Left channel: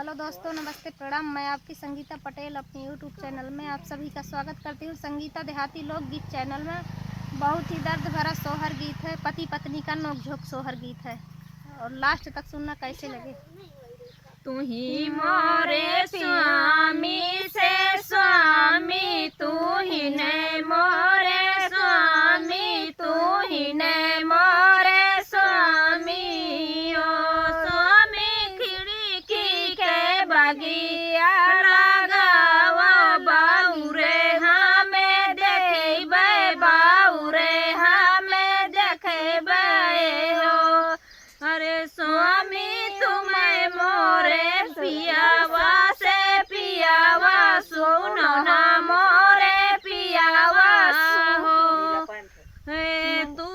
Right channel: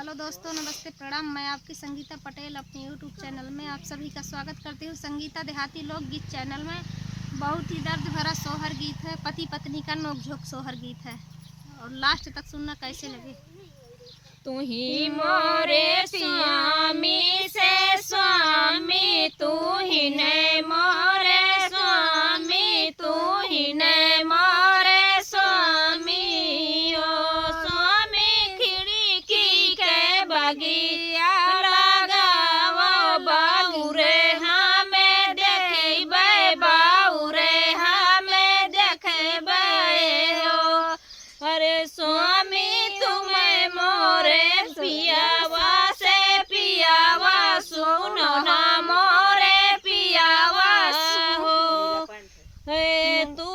Hello दोस्तों, नमस्ते, प्रणाम। मैं आपकी संगीता पटेल अपने यूट्यूब चैनल में आप सभी का स्वागत करती हूँ। संगीता देहाती लोकगीत चैनल में बहुत ही दर्द भरा सोहर गीत है, पति पत्नी का नोकझोंक सोहर गीत है और लास्ट तक सुनना कैसे लगे। तू ही मोरे स्वामी से स्वामी, तू ही ने मोरे स्वामी, तू ही ने मोरे स्वामी। ओ स्वामी खिड़की के बगिया लगावा, बाउरे हमें देखबे, बाउरे हमें देखबे हो। अरे स्वामी तुम्हें मोरे पियावा से पियावा सुनो ना, मोरे पियावा सुहो। हे तू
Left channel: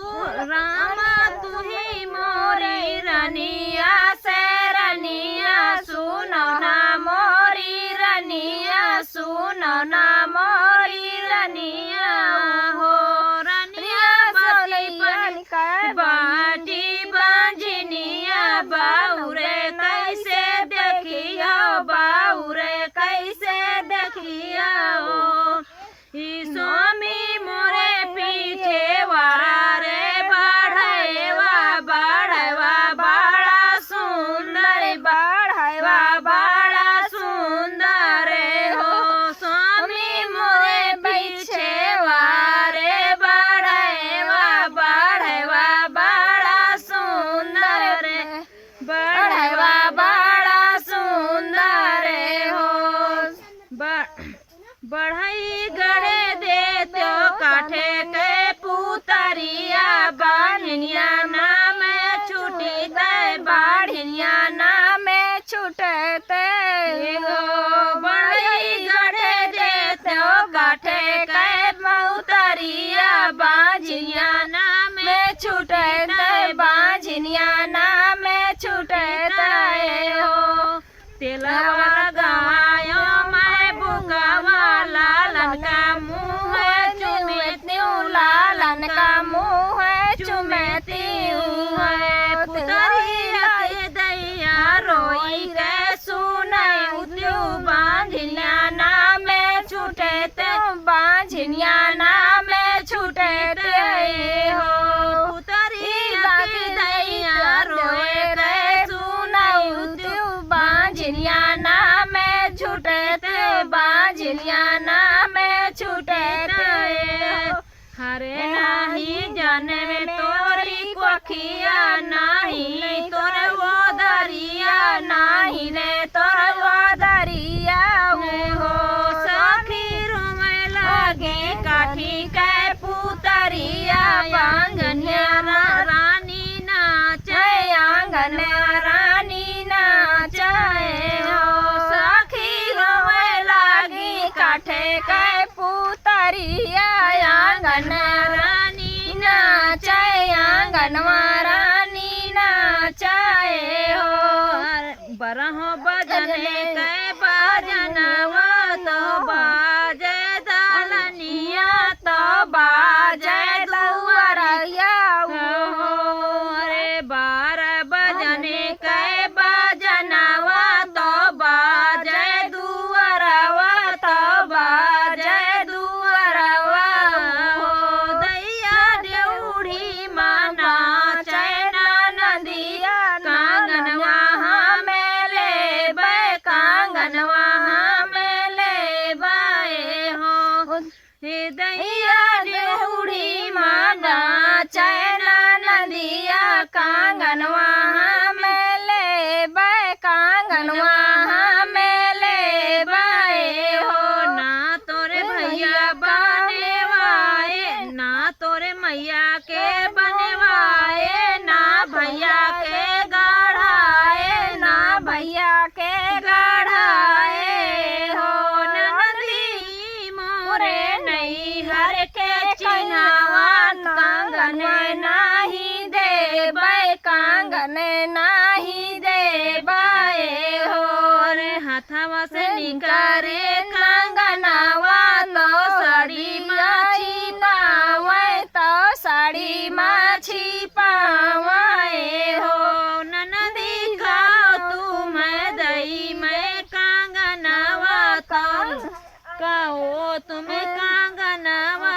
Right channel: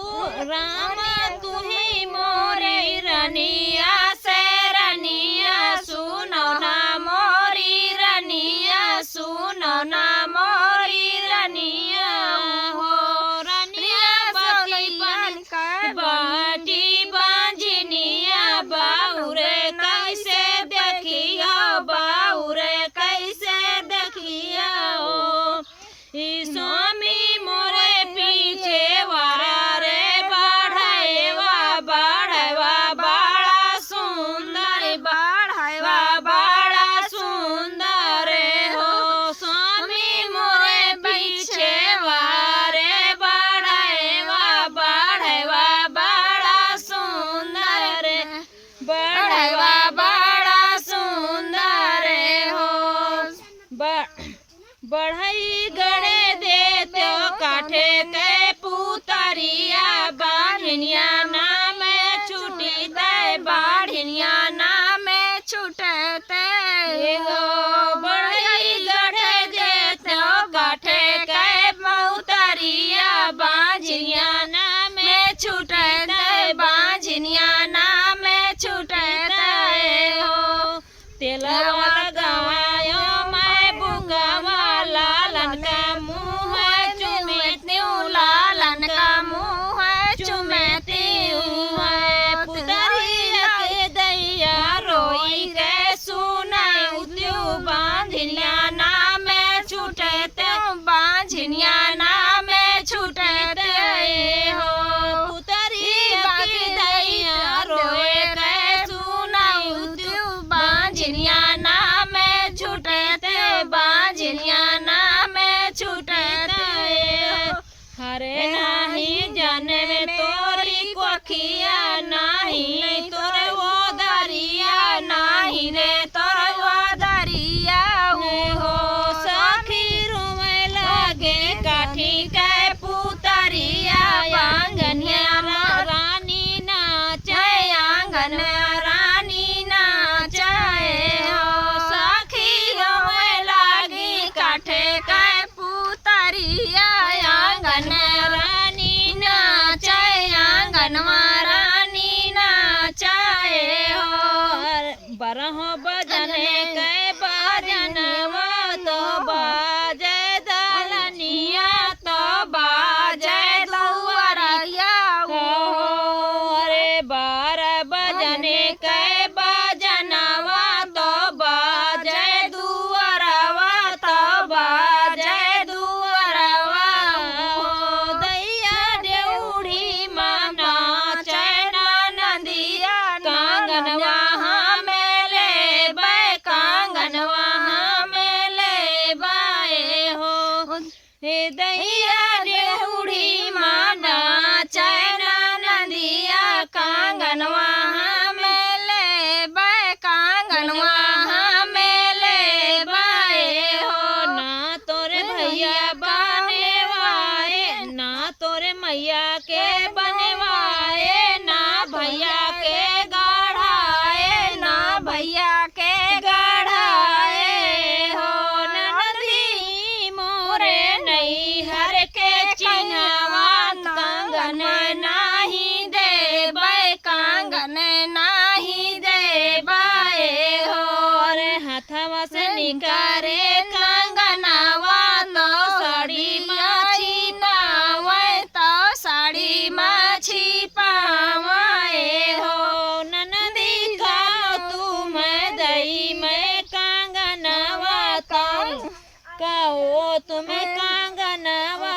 रामा तुम्ही मोरे रनिया से रनिया सुनो ना, मोरी रनिया सुनो ना, मोरी रनिया हो। रनिया बलियान का बाटी बांझनिया, बाउरे कैसे देखिया, बाउरे कैसे देखिया हो। स्वामी मोरे पीछे वारा रे बढ़ावा, बढ़ावा बड़ा सुंदर, बढ़ावा बड़ा सुंदर हो। स्वामी मोरे पीछे वारे बढ़ावा, बढ़ावा बड़ा सुंदर, बढ़ावा बड़ा सुंदर हो। बढ़ई गड़े दे तो काठे ते पुतरिया, बाढ़िया नाम छूटे दे, बाढ़िया नाम छूटते हो। बढ़ई गड़े दे तो काठे के पुतरिया, बाझिया नाम छूटते, बाझिया नाम छूटते हो। तेलवा गवायो मैं बुंगावा, लालन का मुँह चुमती हूँ, लालन का मुँह चुमती हूँ। पुतरी लाई दैया रोई रे सुनाई तू, बांझिया नाम छूटते, बांझिया नाम छूटते हो। पुतरी बाकी दैया रोए रे सुनाई तू, बांझिया नाम छूटते, बांझिया नाम छूटते हो। हरे हाही जाने तोरी कोखिया, नहीं तोर वो दरिया, नहीं तोर वो दरिया हो। सखी रोवे लगे काठी के पुतरिया, आंगन रानी नाचे, आंगन रानी नाचे हो। सखी रोवे लगी काठे के पुतरिया, आंगन रानी नाचे, आंगनवा रानी नाचे हो। बरहो बजने के बजनवा तो बाजे दलनिया, तो बाजे दुआरिया हो। अरे 12 बजने के बजनवा तो बाजे दुआरवा, तो बाजे दुआरवा हो। दैया देउड़ी माँ नाचे नदिया, कांगनवा हमें लेबे, कांगनवा हमें लेबे हो। हे दैया देउड़ी माँ नाचे नदिया, कांगनवा हमें लेबे, कांगनवा हमें लेबे हो। ना तोरे भैया बनवाए, ना तोरे मैया के बनवाए, ना भैया के गढ़ाए, ना भैया के गढ़ाए हो। नदी मोरे नैहर के चिन्हवा, कांगन नाही देबे, कांगन नाही देबे हो। हाथवा से निकारे कंगनवा, तो साड़ी माछी नावे, तो साड़ी माछी पावे हो। ननदी का तुम्हें दई में कहो तुम्हें कांगनवा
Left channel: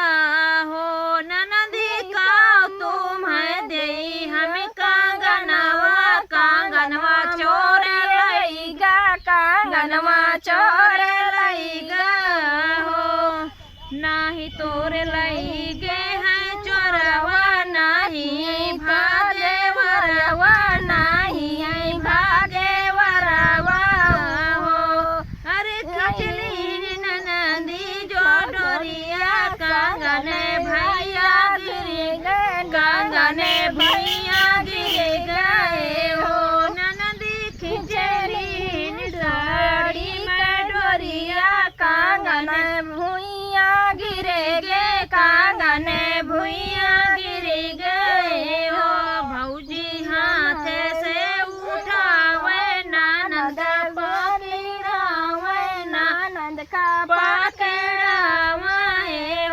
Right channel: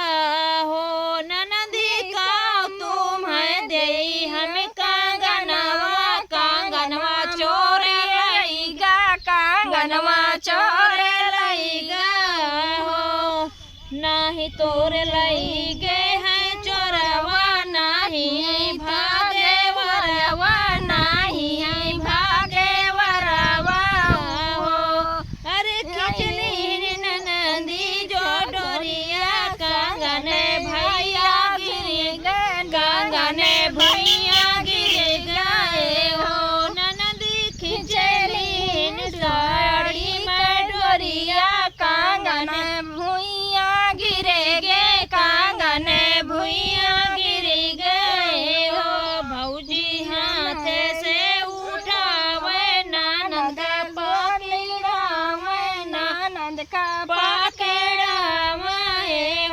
हो ननदी कहो तुम्हें दे हमें कांगनवा कांगनवा चोरे लईगा कांगनवा चोरे लईगा हो नाही तोरे लईगे हैं चोरवा नाही है भागे वरवा नहीं है भागे वरवा हो अरे खिचड़ी ननदी जो डोरिया कांगने भैया गिर गए कांगने भैया गिर गए हो ननदी खिचड़ी डोरी का डोरिया कांगने भुइया गिरे गए कांगने भुइया गिर गए हो भौजी हाथ से उठावे ननद पकड़ावे ननद का पकड़ावे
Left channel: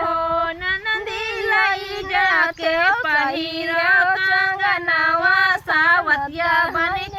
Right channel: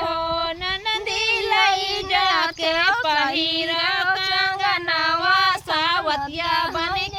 हो ननदी लई जाके पहिरा कंगनवा सावतिया बन